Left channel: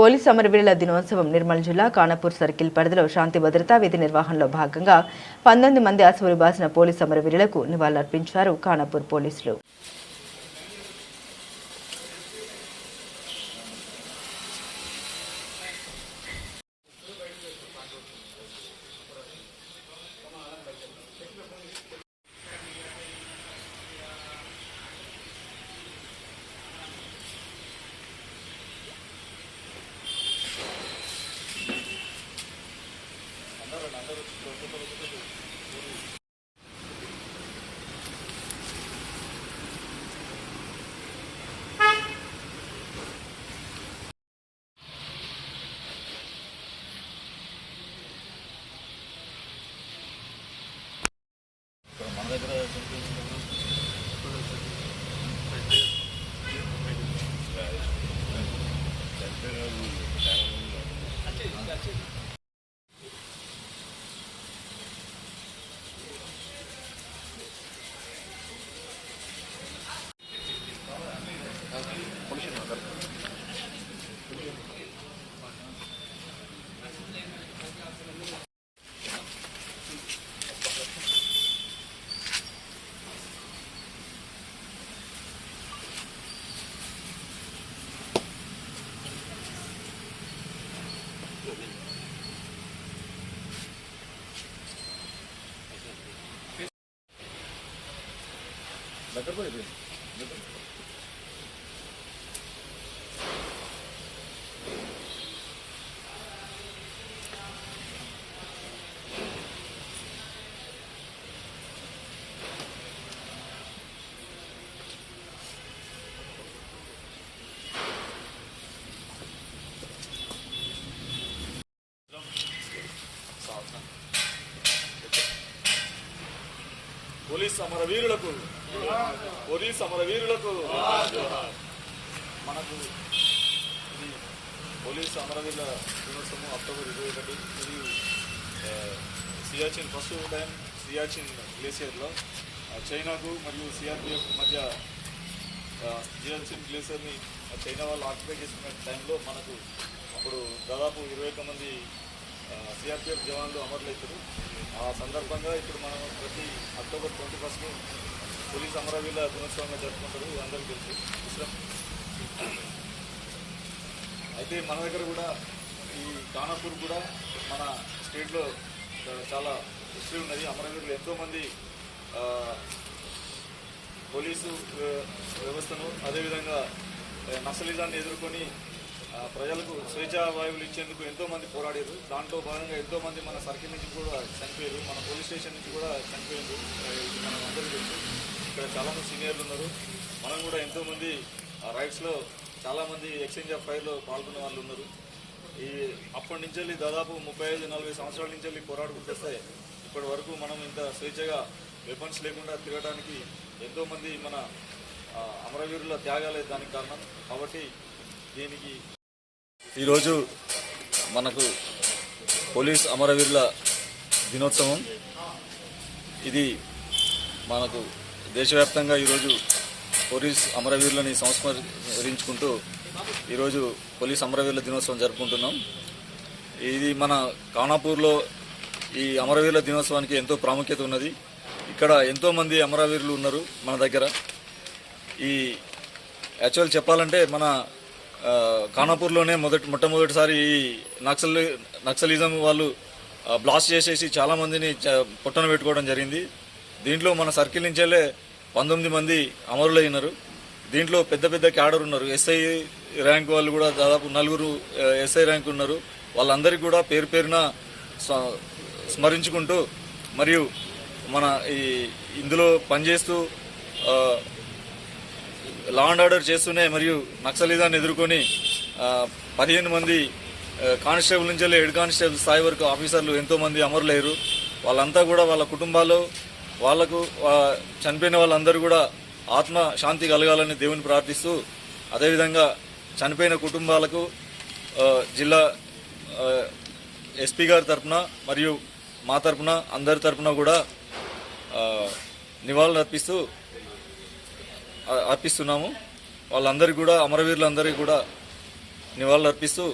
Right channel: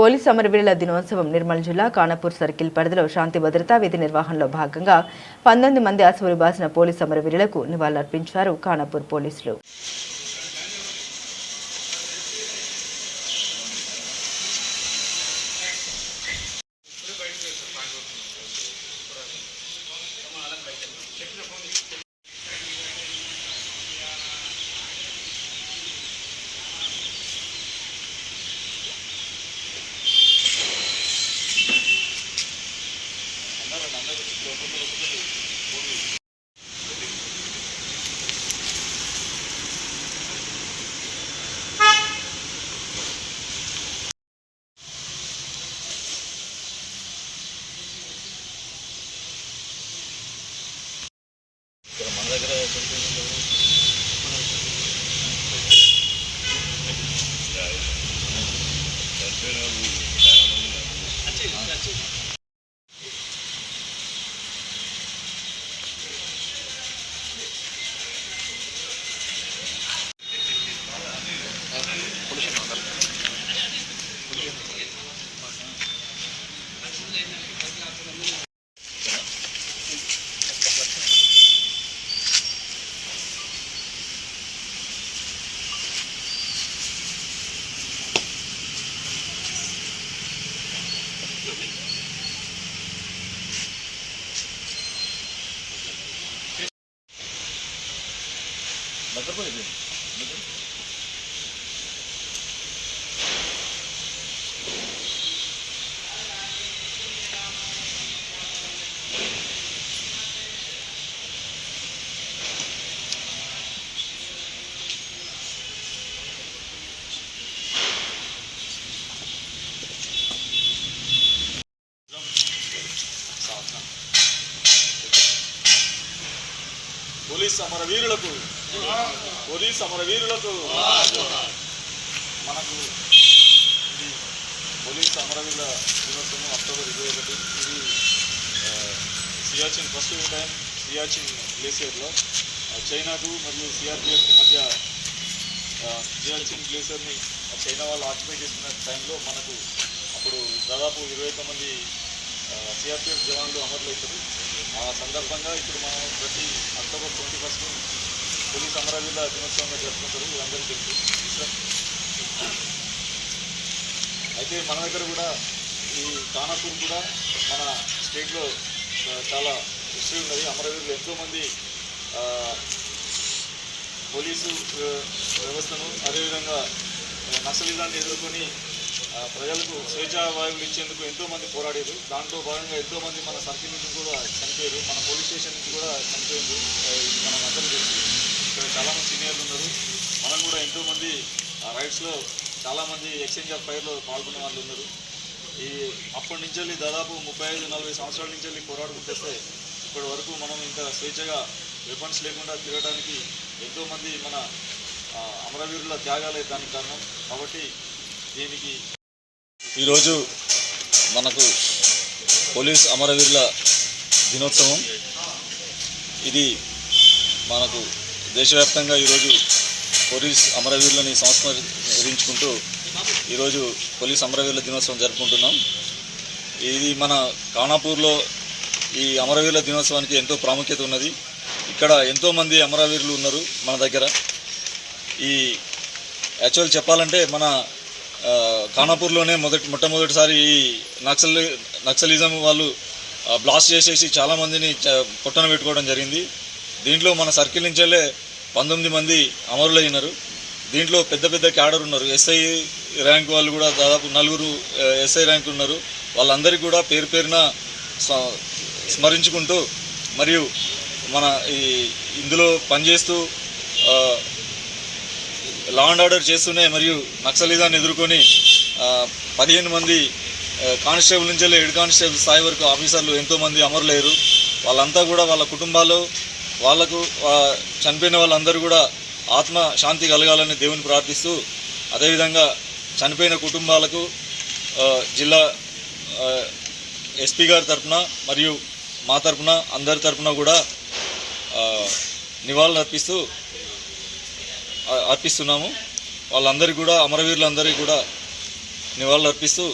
Police అమరవీరుల దినోత్సవం నిర్మల్ జిల్లా కానపూర్ సర్కిల్ పరిధిలో శాంతి భద్రతా విధి నిర్వహణలో భాగంగా పంతొమ్మిది మంది అసువులు బాసిన పోలీస్ అమరవీరులకు నివాళులర్పించారు కానపూర్ పోలీసులు. దగ్గర పోలీస్ అమరవీరులకు పోలీస్ అమరవీరులకు మనకు పోలీస్ అమరవీరుల దినోత్సవం అక్టోబర్ ఇరవై ఒకటి. ఇది సియాచిన్ ఫస్ట్ టైం సియాచిన్ గ్లేసియర్లో. చైనాకు మరియు సిఆర్పిఎఫ్ మధ్య సియాచిన్ గ్లేసియర్ని చైనా వాళ్ళు ఆక్యుపై చేసిన టైంలో మనకు అప్పుడు దాదాపు ఇరవై మంది సిఆర్పిఎఫ్ జవాన్లు అమరులవుతారు ఆ సందర్భంగా ఇప్పుడు మనం ప్రతి అక్టోబర్ ట్వంటీ ఫస్ట్ పోలీస్ అమరవీరుల దినోత్సవంగా జరుపుకుంటారు అందరికీ తెలుసు. అయితే మన దగ్గర కూడా ఈ కానాపూర్ కూడా మన స్టేట్లో చాలా హిస్టరీ ఉన్నది అమరవీరులు ఎంతోమంది పోలీసు వ్యవస్థను అదేవిధంగా నక్సలిజాన్ని ఎదుర్కొని ప్రజలకు స్వేచ్ఛా వాయువులు ఇచ్చేందుకు ఎంతోమంది పోరాడారు. దాంట్లో భాగంగా ఎంతోమంది మన సర్కిల్ నుంచి కూడా చనిపోయారు. మన పోలీస్ స్టేషన్ నుంచి కూడా చనిపోయింది. మనం అందరికీ తెలుసు. ఇక్కడ చాలామంది సీనియర్లు ఉన్నారు. మనం కూడా ఎంతోమంది రైడ్స్లో చాలామంది ఎక్స్చేంజ్ ఆఫ్ ఫైర్లో పాల్గొన్న వాళ్ళు ఉన్నారు. ఈ అప్పటి నుంచి వెళ్ళి దాదాపు ముప్పై ఐదు నలభై సంవత్సరాల నుంచి వెళ్ళి పోరాడుకుంటేస్తే ఇప్పటి వరకు మనం ఇంకా స్వేచ్ఛగా వెపన్స్ లేకుండా తిరగడానికి ఎంతోమంది మన అమరవీరుల త్యాగాలే దానికి కారణం. కాబట్టి దీనికి ఈరోజు మనకు పోలీస్ అమరవీరుల దినోత్సవం. ఇది మనకు దేశవ్యాప్తంగా ఈరోజు పోలీస్ అమరవీరులని సంస్మరించుకుంటూ ఈరోజు పోలీస్ అమరవీరుల దినోత్సవం జరుపుకుంటున్నాం. ఇది మన కానాపూర్లో ఈ అమరవీరుల దినోత్సవానికి ఎంతో ప్రాముఖ్యత ఉన్నది. ఇక్కడ ఎంతోమంది అమరవీరులు ఉన్నారు మన దగ్గర. ఈ యాక్చువల్ చెప్పాలంటే మన ఖానాపూర్లోనే మొదటి మొట్టమొదటిసారి ఈ నక్సల్ నక్సలిజం వాళ్ళు బ్లాస్ట్ చేసేసి చాలామందిని పొట్టన పెట్టుకోవడం జరిగింది. దీంట్లో మన సర్కిల్ నుంచెల్లే పంతొమ్మిది మంది అమరులైనారు. దీంట్లో పెద్ద పెద్ద క్యాడర్ ఉన్నారు. ఎస్ఐ ర్యాంక్ వాళ్ళు కూడా దాదాపు నలుగురు ఎస్ఐ ర్యాంక్ ఉన్నారు. వాళ్ళందరికీ కూడా పేరు పేరున స్మ- స్మరించుకుంటూ మరియు మన ఈ ఇందులో పనిచేస్తూ ఆ, లా అండ్ ఆర్డర్ చేస్తూనే మరియు నక్సలిజాన్ని ఎదుర్కొని పదిహేను మంది కానిస్టేబుల్ నుంచి హెడ్ కానిస్టేబుల్ స్థాయి వరకు ఆఫీసర్లు ఎంతోమంది అమరులేరు వాళ్ళంతా కూడా వాళ్ళ కుటుంబాలు వాళ్ళకు చనిపోయిన వాళ్ళందరూ కూడా ఆత్మ శాంతి కలగాలని దేవుని ప్రార్థిస్తూ అదేవిధంగా చనిపోయిన కుటుంబాలకు జిల్లా ఎస్పీ గారి తరపున మరియు మా తరపున అందరి తరపున కూడా నివాళులు అర్పిస్తూ అర్పిస్తున్నాము. వాళ్ళందరికీ కూడా అమరవీరులందరికీ కూడా నివాళులు అర్పిస్తూ